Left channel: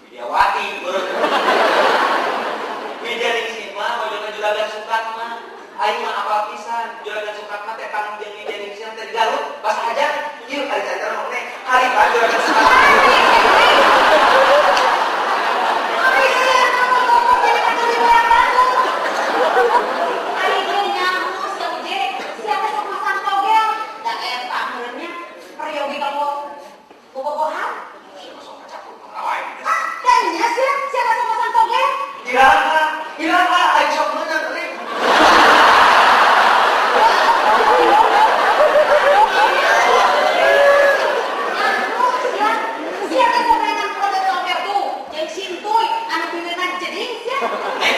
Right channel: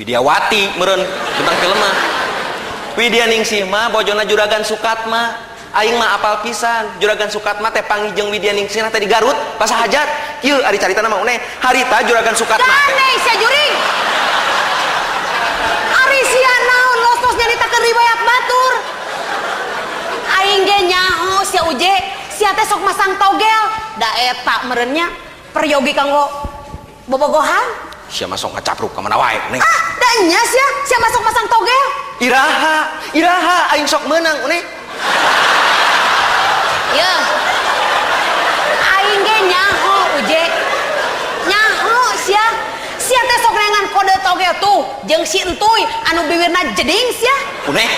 Widiawati meureun tentang kelema. Widya Ningsih mah bojona Juragan Sukatma. Aing mah apal pisan Juragan Sukatma teh panggih jeung Widya Ningsih teh di Garut pas hajat. Ieu ari carita mah uneh harita Juragan Sukatma. Teh sajuri. Ari sia naon lokos jadi takeun riwayat batur. Aing ge nyaho sia uje, sia teh sok masang togel. Da eta meureunnya peryogi kanggo bobogohan. Sia masuk ngacapruk ka mana wae nih. Ah, da nya sia masuk masang togel. Iraha aing sok meunang nih. Ya. Aing ge nyaho uje. Nyaho sia. Sia teh sok rengan kode togel tuh jeung si Entuy anu bibirna jeding sia. Uneh.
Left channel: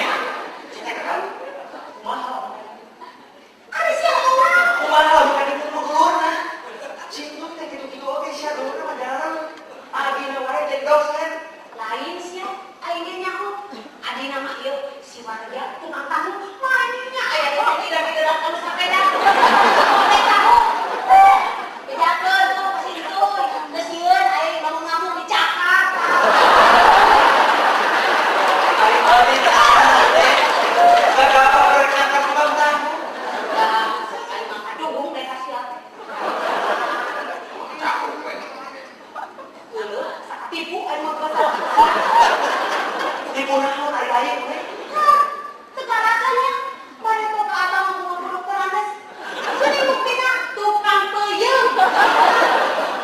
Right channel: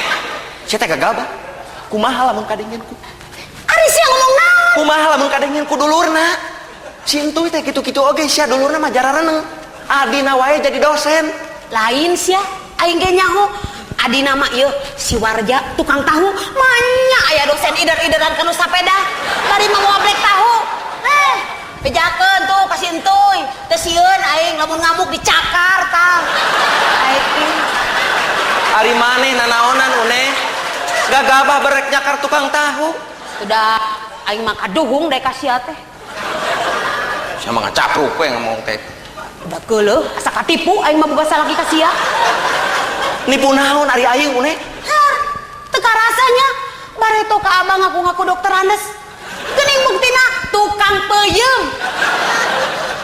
Sia teh gagabah. Kumaha lamun kadengeunku? Ari sia ngomong naon? Kumaha lamun kadengeunku dulurna? Si Entuy teh kitu-kitu oge sia dulurna mah jarareneung. Adina wae jadi dosen. Lain sia, aing ge nyaho. Adina mah ieu si Warja tukang tahu, manya aya dosen ider-ideran kana sapeda. Kari mah ngobrek tahu. Bejakeun tuh ka si Entuy. Teu sieun aing lamun ngamuk dicakar tah. Ari maneh nanaonan uneh. Gagabah berek nyakar tukang tahu. Udah aing mah kaduhung deh ka sia teh. Sia mah ngacapruk we ngomong teh. Udah geuleuh asa katipu aing mah boga salaki ka sia. Nipu naon ari aing uneh? Hah, teu karasanya bareto ka abang ngaku-ngaku dokter Andes. Geuning buktina tukang peuyeum.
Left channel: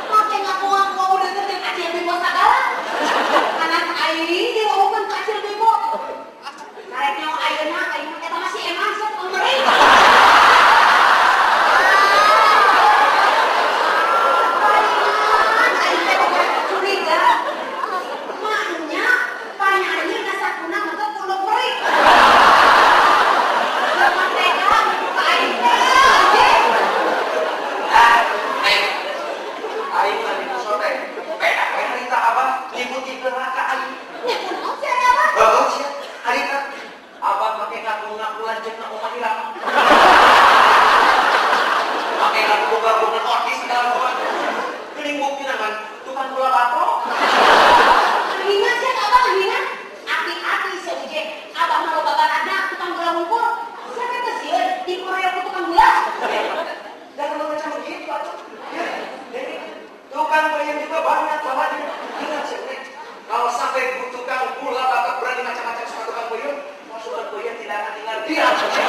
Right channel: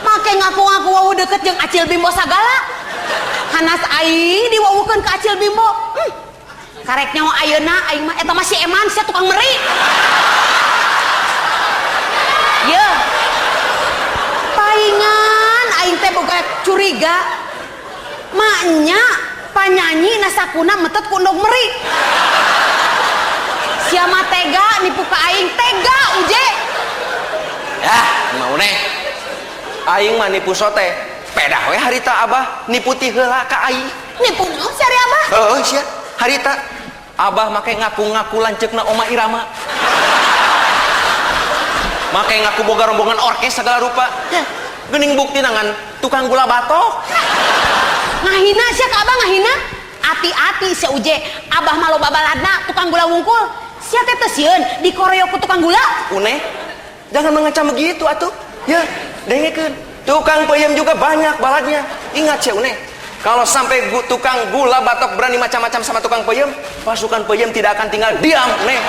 Make ngaku-ngaku wau deket jeung Acil Bimbo sagala. Hanas aing diwawukeun ka Acil Bimbo. Karek nyawa ayeuna aing mah eta masih eman sia tukang meri. Ye. Paingan aing teh boga curiga. Maknya panyanyi nasakuna metet ku endog meri. Sia mah tega nipu ka aing tega uje. Ya, mau uneh. Aing mah nipu sote. Pedah we harita Abah nipu ti heula ka aing. Nipu naon si ari Abah? Heuh sia, harita Abah make ngaku-ngaku lanceukna Oma Irama. Make ngaku boga rombongan orkes segala rupa. Geuning bukti nangan tukang gula batok. Ngahina sia ka Abah ngahina. Ati-ati sia uje, Abah mah loba baladna tukang gula wungkul. Sia teh teu sieun dikoreo ku tukang gula. Uneh, jangan mengecam begitu atuh. Ya, dengekeun. Tukang peuyeum juga banyak baladnya. Ingat sia Uneh, kalau sampai tukang gula batok berani macam-macam sama tukang peuyeum, pasukan peuyeum tidak akan tinggal diam, Uneh.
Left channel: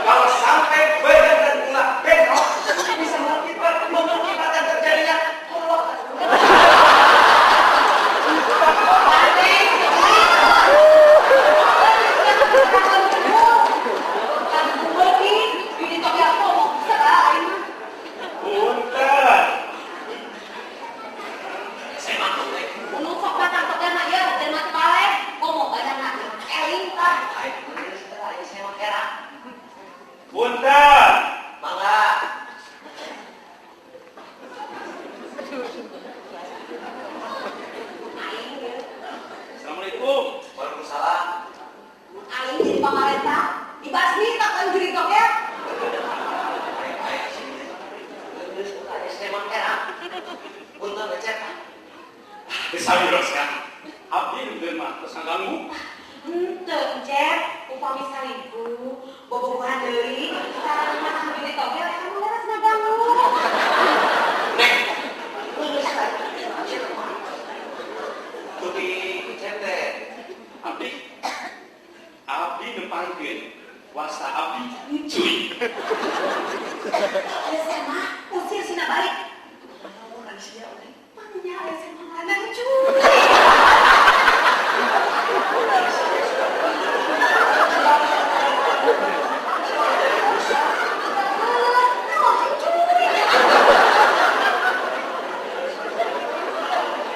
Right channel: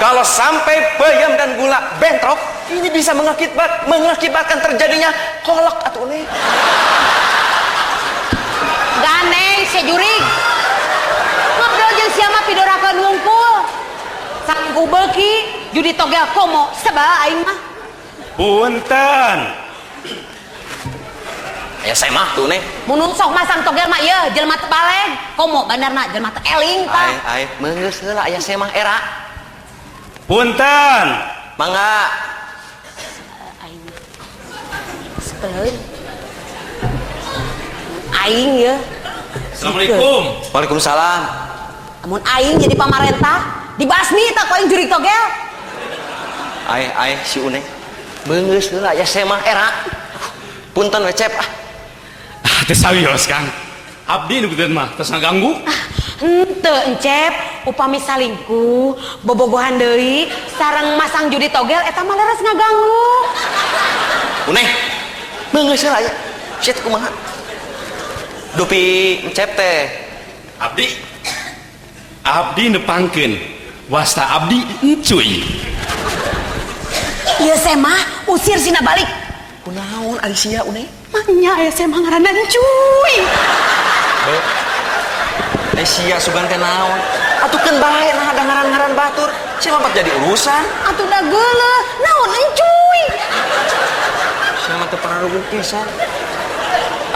Kalau sampai peuyeum dan gula bentrok, ini bisa mengakibatkan terjadinya kolok atuh Uneh. Gandeng sia jurig. Ngobrol jeung sia mah pidorakan wungkul. Saku beuki judi togel komo sabaraha aing mah. Punten. Ya saya mah tuh Neh. Mun sok masang togel mah ieu jelema teu baleg, komo bandarna jelema teu eling tah. Ai meungeus heula aya saya mah era. Punten. Mangga. Aing. Sepeuleuh. Aing ya. Assalamualaikum. Waalaikumsalam. Amun aing jadi pamarentah, dibasmi tak ku aing jurig togel. Ai si Uneh. Meungeus heula aya saya mah era. Punten we Cep. Teu sawios Kang. Abdi nu beuteun mah tos ngaganggu. Henteu encep, upami salingkuh, bobogohan deui, sareng masang judi togel eta mah leres ngaganggu. Uneh. Meungeus heula aya. Sia teh kumaha? Dupi Cep teh. Abdi nepangkeun wasta abdi encuy. Ieu teh mah usir sina balik. Kunaon ari sia Uneh? Manya aya teh mah ngaranna encuy. Ai sia sugan teh naon? Atukeun bae nah ada ngaran-ngaran batur. Sia lompat jadi urusan. Atuh da geuleuh, naon encuy? Sia mah teu pararuguh pisan.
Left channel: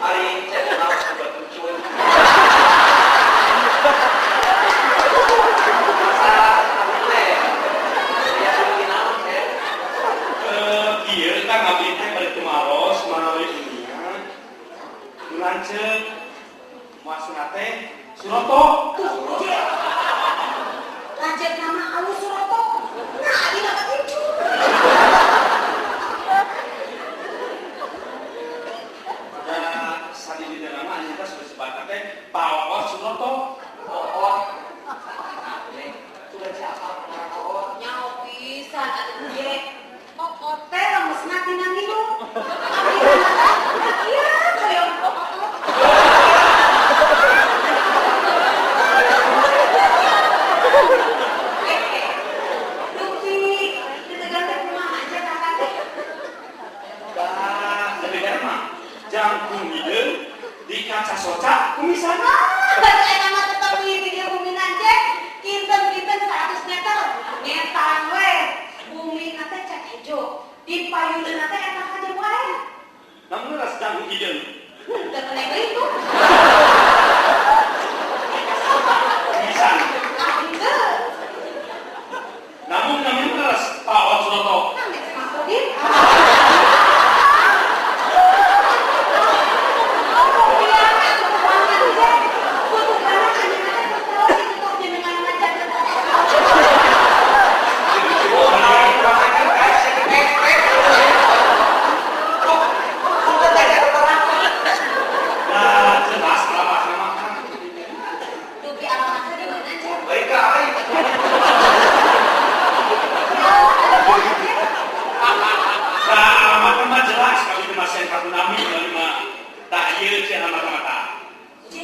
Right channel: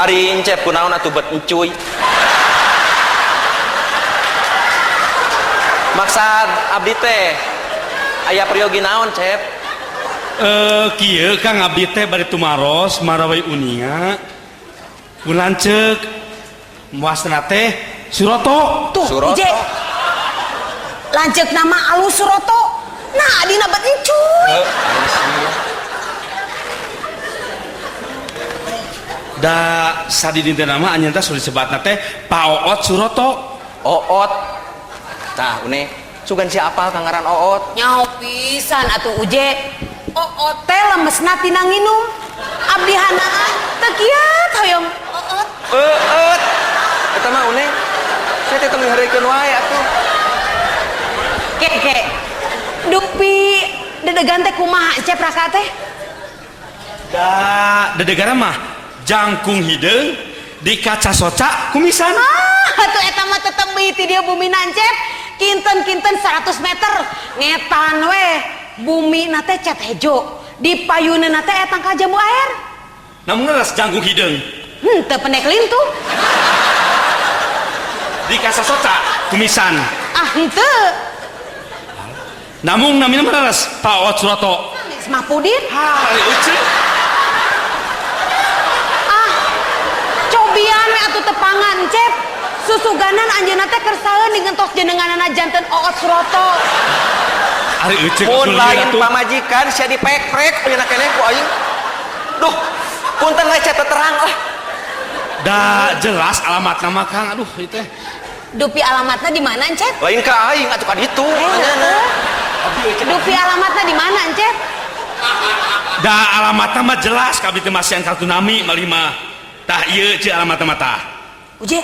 Ari Cep kunaon atuh bet encuy? Maksud abdi teh aya priyogi naon Cep? Kieu Kang abdi teh bari tumaros marawai uninga. Kulanceuk muasna teh Suroto. Tuh, Suroto. Ije. Lanceuk nama alus Suroto. Nah, dina bet encuy. Da sadi dinten nama anyenta sudah disebatna teh Pak Oot Suroto. Oot. Tah, une sugan siapa kangaran Oot? Nyaho pisan atuh uje. Oot teh lemesna tina nginum. Abdi hanaa teu kieu hoyong Oot. Eta mah une. Saya teh temu hareukeun wae atuh. Kek. Dupi dedegan teh kumaha cep raka teh? Da dedegara mah jangkung hideung di kaca soca kumisan. Atuh eta mah tetep ti dia bumi nancep. Kinten 100 meter. Ngetan we. Bumi nate cat hejo. Di payuneuna teh eta kajamu air. Namun ngeras jangkung hideung Teu penek lintu. di kaca soca kumisan. Ah henteu. Namun namina ngeras Pak Oot Suroto. Semapudin. Cobian we atuh tepangan cep. Susuganan anjeunna teh keur saeuh digentos jenenganana janten Oot Suroto. Ari euceuk Mun kuliah lain tuh. pamajikan sia dipekrek nya teh ku aing. Duh, punten we cet terang lah. Da jelas alamat nama Kang. Aduh ieu teh. Dupi alamatna di mana, Encep? Lain ka aing atuh ka ditu. Dupi alamatna di mana, Encep? Da alamatna mah jelas kabeh teh masian kartu nami malih mah. Tah ieu ce alamatna mah tah. Uje,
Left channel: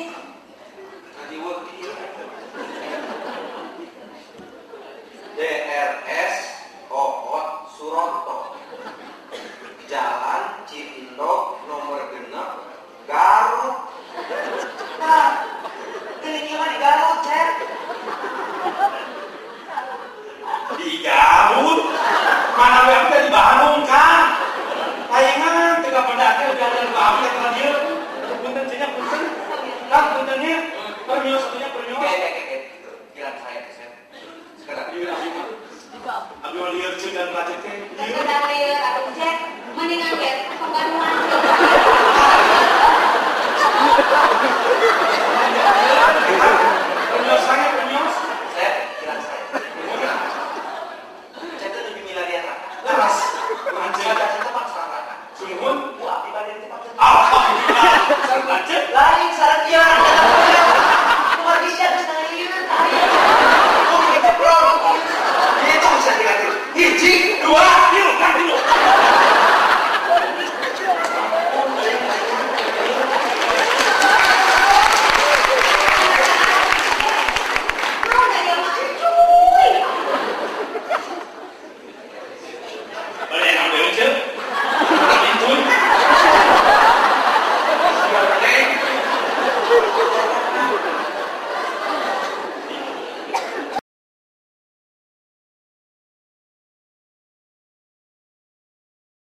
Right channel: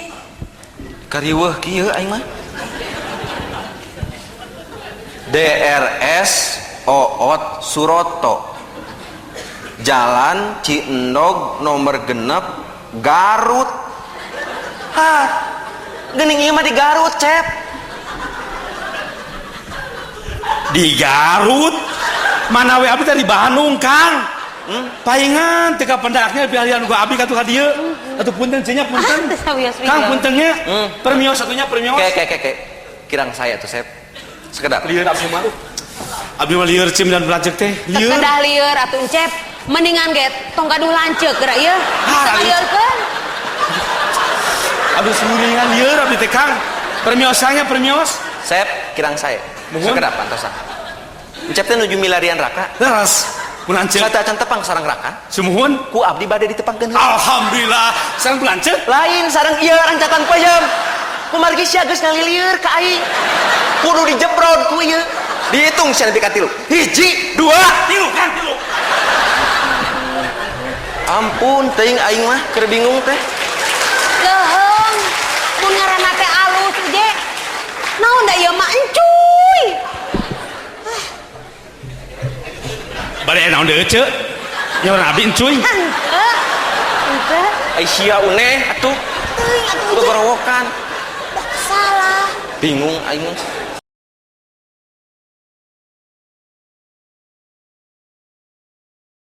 Kariweuh kieu aing mah. DRS Oot Suroto. Jalan Ciendog nomor genep Garut. Hah. Geuning ieu mah di Garut, Cep. Di Garut. Mana we abdi teh di Bandung, Kang. Paingan teu ka pendaknya bialian gua abdi ka tuh ka dieu. Atuh punten cenah punten. Kang puntennya. Permios satunya permios. Oke. Kirang saya tuh, Cep. Sekedap. Lieur abdi mah. Abdi mah lieur cim dan pelajek teh. Lieur. sekedah lieur atuh, Encep. Mendingan ge tong gaduh lanceuk geura ieu. Lieur teh. Abdi sendirian lieur abdi teh Kang. Permiosanya permios. Cep, kirang saya. Muhun. Sekedap pantosan. Encep teh nuju milarian raka. Leras. Pulanceu. Saya akan tepang sarang raka. Sumuhun. Ku abdi bade ditepangkeun. Alhamdulillah. Sareng pulanceu. Lain sarang ieu anjatan peuyeum. Kumargi sia geus ngalilieur ka aing. Kudu dijebrod ku ieu. Dihitung sia nepi ka 3. 1, 2, 3 Kang tilu. Ampun, teuing aing mah keur bingung teh. Leung. Mun ngaranna teh alus, Uje. Naon da ieu mah encuy. Bade naon deui ceuk? Ya abdi encuy. Ai sia uneh atuh. Gogorowokan. Salah. Bingung aing mah.